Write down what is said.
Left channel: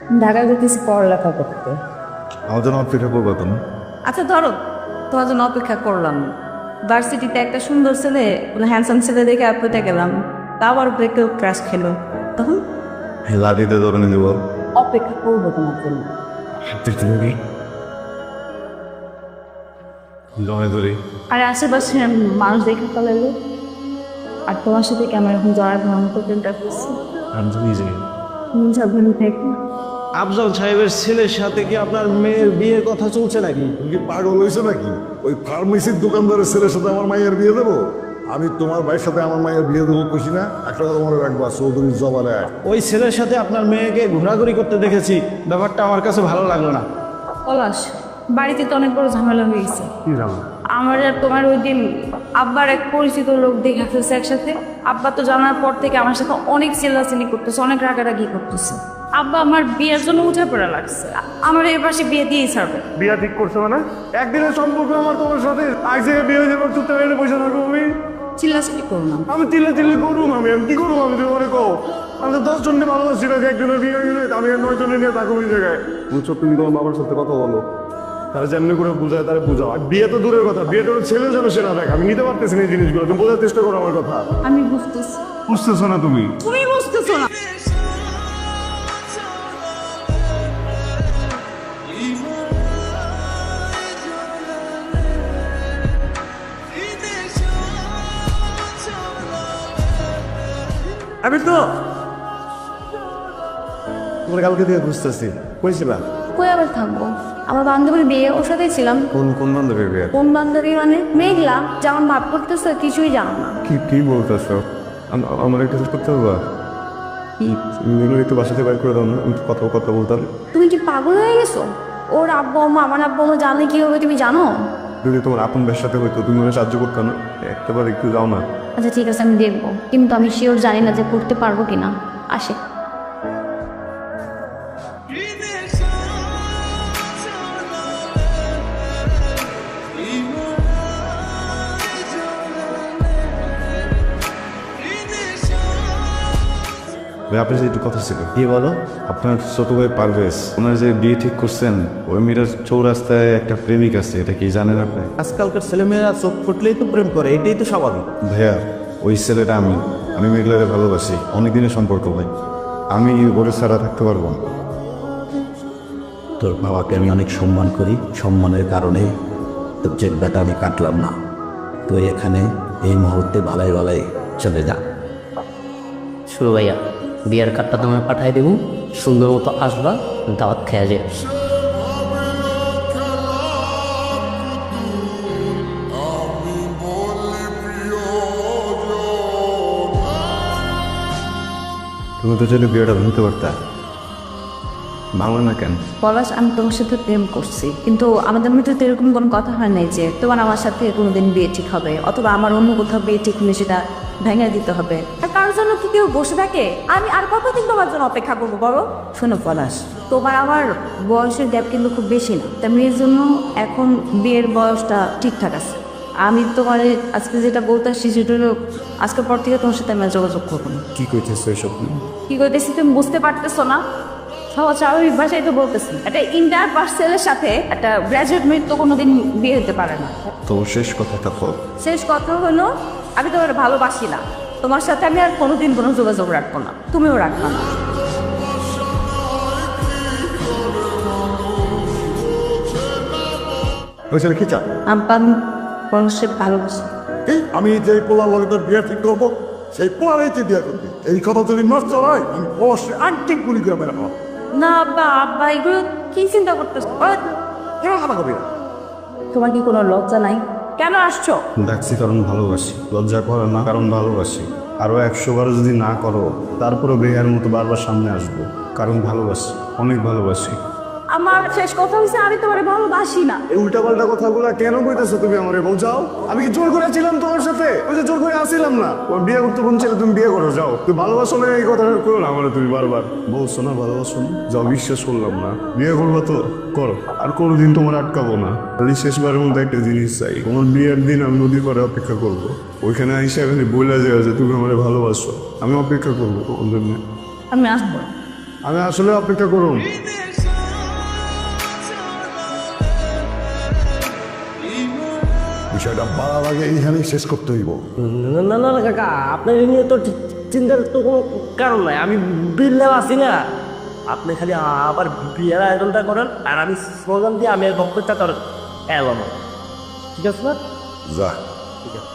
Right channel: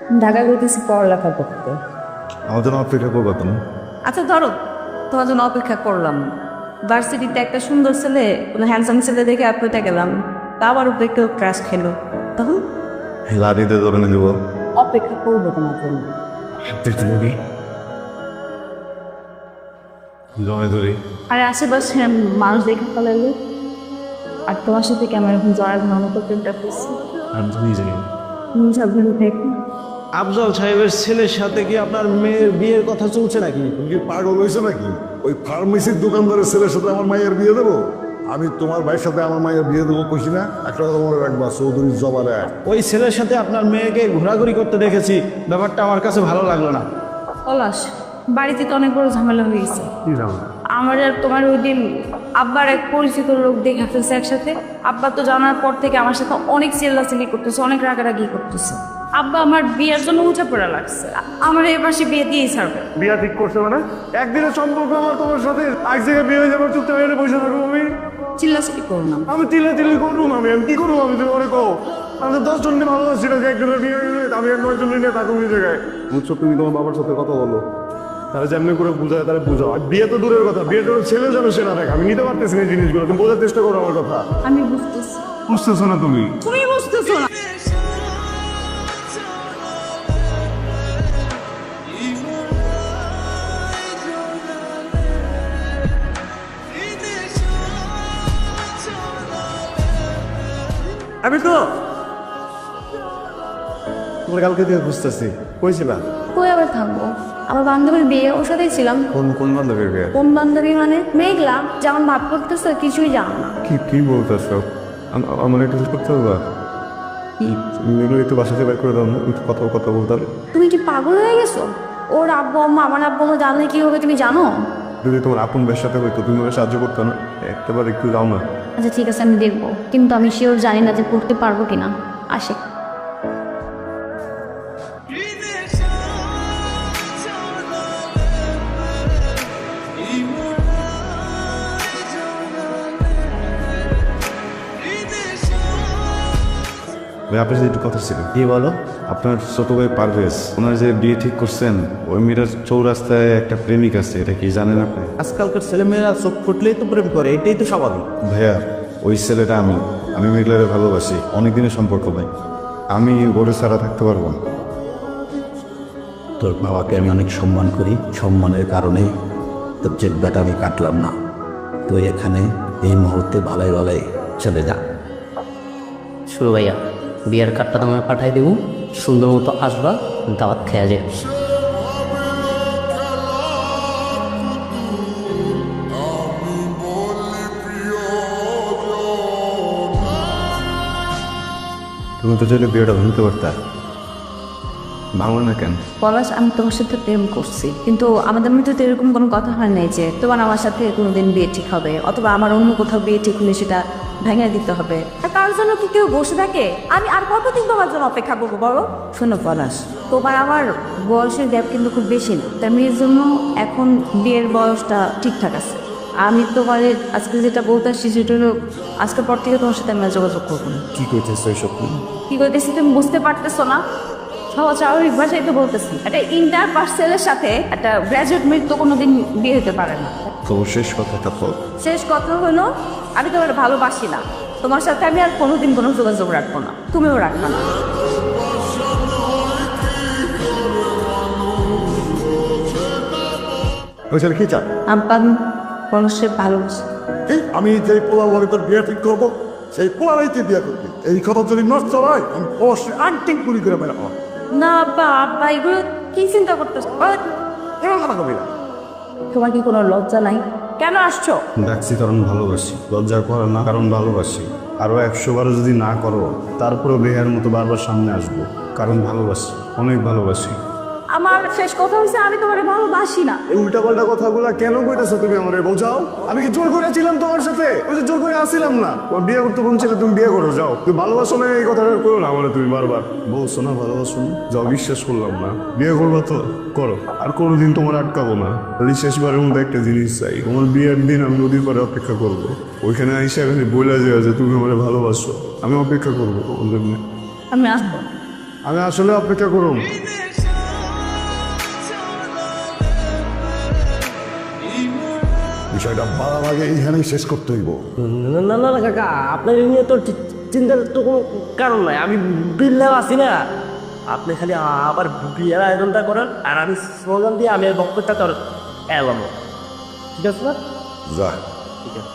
ঢাকায় গেছি পড়ালেখা করতে। আমার জন্য অপেক্ষা করবো তুমি। আচ্ছা ধরো, তোমার জন্য অপেক্ষা করলাম। ভার্সিটিতে একটা সুন্দর ছেলে, হ্যান্ডসাম ছেলে দেখে আপনি গেলাম, তা আবার উপরে একটা ক্রাশ খেলো, তখন লাঠিতে ধরে নিয়ে দেবো। অপেক্ষা করবো তোমার জন্য। তুমি জমে ধরি। আর আশেপাশে মানুষ দেখে ফেলাইলো, আর তোমার সাথে কেমন এখন জড়া তোমার মতো প্রেমটা করছি। আমি তো নিজে তুমি সব ভালো থাকো। আফজল সাহেবের ছেলের সাথে কি আপনার মেয়ের বিয়ের কথা চলছে নাকি? তুমি পাগল হয়েছো নাকি? ওই ফার্মেসির দোকানদারের ছেলের সাথে আমার মায়ের বিয়ে দেবো? আমি তোমার ভাইয়ের সাথে আমার মায়ের বিয়ে দেবো কইছি না? একটা মনে রাখবা, চৌধুরী জবারে। ওই ছেলের সাথে আপনার মেয়েকে ঘোরাঘুরি করতে দেখেছি, ব্যাপারটা আমার কাছে ভালো লাগলো না। পলাশ, বাড়িতে তো অনেক বড় ঝামেলা হয়ে গেছে। আমার আর তোমার ওই দিন আব্বার এক পরিচিত লোক দেখে ফেলছে একসাথে। আব্বা তো জানার পর থেকে আমার সাথে অনেক চিল্লাচিল্লি করতেছে, অনেক রাগারাগি করতেছে। আব্বা আমার বিয়ের জন্য উঁচা পড়া লাগছে, আমার এই মাসে বিয়ে দিয়েই ছাড়বে। বিয়া ঠিক করছে মানে? একদিনের সম্পর্ক আমার তোমার সাথে, এক জায়গায় বিয়ে দেবো, চুপচাপ এটা পয়সা দেবো তুমি। চিল্লাচিল্লি করবো না। আমি দিলে করবো না, আমি কি করবো? আমি তুমি মনে কো আমি তো 10 জনকে ভালোবাসি না, একজনের বিয়ে দিলে আমি আর 9 জনের নিয়ে থাকবো ওই জায়গায়। বুঝছো, তুমি তোমার মামার সাথে কথা বলো, তারা যেমনি করে বুঝায় তারা বুঝাও। বিয়ে তো দূরের কথা, বিয়ে তো ছেলে যাবে সেটা দেখ। আমি নিতে পারতেছি না এই জিনিসগুলো, তুমি বোঝার চেষ্টা করো আমার কথা। আমি বুঝতেছি, বুঝতেছো না তুমি? তুমি বুঝতেছো না। আমি তো তোমার কালকে দিয়ে বুঝতেছি কইছি না। কই আবার থাকবো? আমার বান্ধবীর বিয়ে, ওর সাথেই ছিলাম। কোন বান্ধবীর বিয়ে? কোন বান্ধবী মানে? মেঘলা, যেমন ভাব করতেছো কিছুই জানো না। কি বলতেছো? আমার একটা হেল্প করতে পারবা? মেয়েগুলো একটু বাসাতে বাইর করে দাও না, একটু কথা বলতে হবে। তুমি কি পাগল হয়ে গেছো? ওর আব্বু আম্মা, আমার আব্বু আম্মা জানলে কি হবে তুমি জানো? যদি তোমার আপনদের সাথে হইতো তুমি ওকে সাহায্য করতে না, একবার একটু যাও না। আচ্ছা ঠিক আছে, আমি দেখবো, কিন্তু আমি শিওর জানি না যে করতে পারবো কিনা। আসি। ভাই আপনার যে একটু কথা ছিল। কি বলো? আপনার ছোট ভাই পারভেজ, ওনার যে বিয়ে ঠিক করছেন, ওই মেয়েটার চৌরাস্তায় একটা প্রেমিক আছে, এটা কি জানেন আপনি? আজকালকার ছেলেমেয়েরা চোখ ফুটলেই তো প্রেম করে, এটাই তো স্বাভাবিক। ভাইয়া, ওই ছেলেটা আমি মেঘলারে ভালোবাসি, অনেকদিনের সম্পর্ক ভাই। আমি ওরে ছাড়া থাকতে পারবো না। তোর বাবাকে আমি অনেক সম্মান করি, সম্মানের কারণে তোর চেকটা আমি কাটলাম না। তুই এখানে এই মুহূর্তে ভালোই ভালোই চলে যা। শুরু ভাইয়া, বিয়ের কার্ডটা তোমায় পাঠাই দেবো, সুন্দর মতো আসবা, দাওয়াত খেয়ে যাবে। তুমি তো যদি বিয়েটা হতে পারতে, ভালো না কেন? পলাশ, আমি তোমার সাথে প্রেম করছি, কিন্তু আমাদের মধ্যে তো এরকম কোনো কথা হয় নাই যে তোমার আমার সাথে কোনোদিন বিয়ে ঠিক হবে, অথবা আমার অন্য কোথাও বিয়ে ঠিক হলে সেটা ভেঙে দিতে হবে। আর তার জন্য কি কেউ বসে থাকে? আমি আর কতদিন তোমার জন্য অপেক্ষা করবো বলো? শোনো পলাশ, তোমার আমার বয়সের গ্যাপ কিন্তু খুব বেশি না, তার মেয়ের জন্য এখন বিয়ের বয়সটা ঠিকঠাক আছে। আমি তোমার আজকে যেটা বলতে আসছি সেটা হলো, আজকের পর থেকে তোমার সাথে আমি আর যোগাযোগ করবো না। কি করতেছো এইসব? কি করতেছি তুমি বুঝতে পারতেছো না? সহজ স্বাভাবিক ভাষায় তো বলতেছি, একটা ইন্টার পাস ছেলের সাথে একটা গ্র্যাজুয়েট মেয়ের তো কোনোদিন বিয়ে হতে পারে না। তো শেষ কথাটা তো শেষ কথা হলো, আমি তোমার ভালোবাসি না, তোমার সাথে আমি আর কোনোদিন কোনো যোগাযোগ রাখবো না, তুমিও রাখবো না। ওই ছেলে কি চাও? আব্বা, মানুষের ভালোবাসি। আমি যে পোলা বলে তোর বিয়ে ঠিক করবো, সেই পোলারাই তুই বিয়ে করবি। এই কথা যদি নষ্ট হয়, আমি অবশ্যই আন্টিং করে করে বেড়াবো। না আব্বা, আব্বা এগুলো কি চিন্তা করতেছো? এরকম কথা হবে না। তোমার কি কোনো লজ্জা নাই? কেন আসছো? ডাকছি কারণ ভালোবাসি, লজ্জা করো না কারণ ভালোবাসি। আরো 100 বারও যদি না করো, তারপরে ভেঙার মতো বারবার সামনে আসবো, কারণ ভালোবাসি, অনেক ভালোবাসি। আমার শেষ কথা হচ্ছে, আমি তোমার ভালোবাসি না। এই উল্টাপাল্টা কথাগুলো কেন কইতেছো তুমি আমারে বোঝাও? আমি কি জোর করেছিলাম তোমার সাথে? ওই যে জোর করে আসছিলাম না। ওর বিয়ে করতে মন ছিল, তুমি বিয়ে করো যাও। তুমি ভালোবাসো না এই কথা কইও না আমারে, তুমি বারবার বলছো না ভালোবাসো না। যাও, বিশ্বাস করলাম না। বিয়ে করবা তো করো, আর কোনোদিন তোমার আটকাবো না। আমি শেষবারের মধ্যে একটা জিনিস চাই, তোমার বিয়ের দিন আমি নদীর পাড়ে অপেক্ষা করবো। ওইখানে আইসা খালি বলে যাবে যে তুমি আমারে ভালোবাসো, আমি অপেক্ষা করবো। আমি আসবো। আমি আসলে অপেক্ষা করো। বিষয়টা বাড়ার আগে এইখানেই শেষ করতে হইব। না না না না কাকা, আপনার এ নিয়ে তো চিন্তার তো কোনো কারণ নাই। আমি বিল্লা আছি না, আপনি খালি আবার বিয়ের আয়োজনটা করেন আর আমি স্লোগান দিয়ে আমি বক্তব্যটা তোর এলাম, ঠিক আছে না? যা। ঠিক আছে।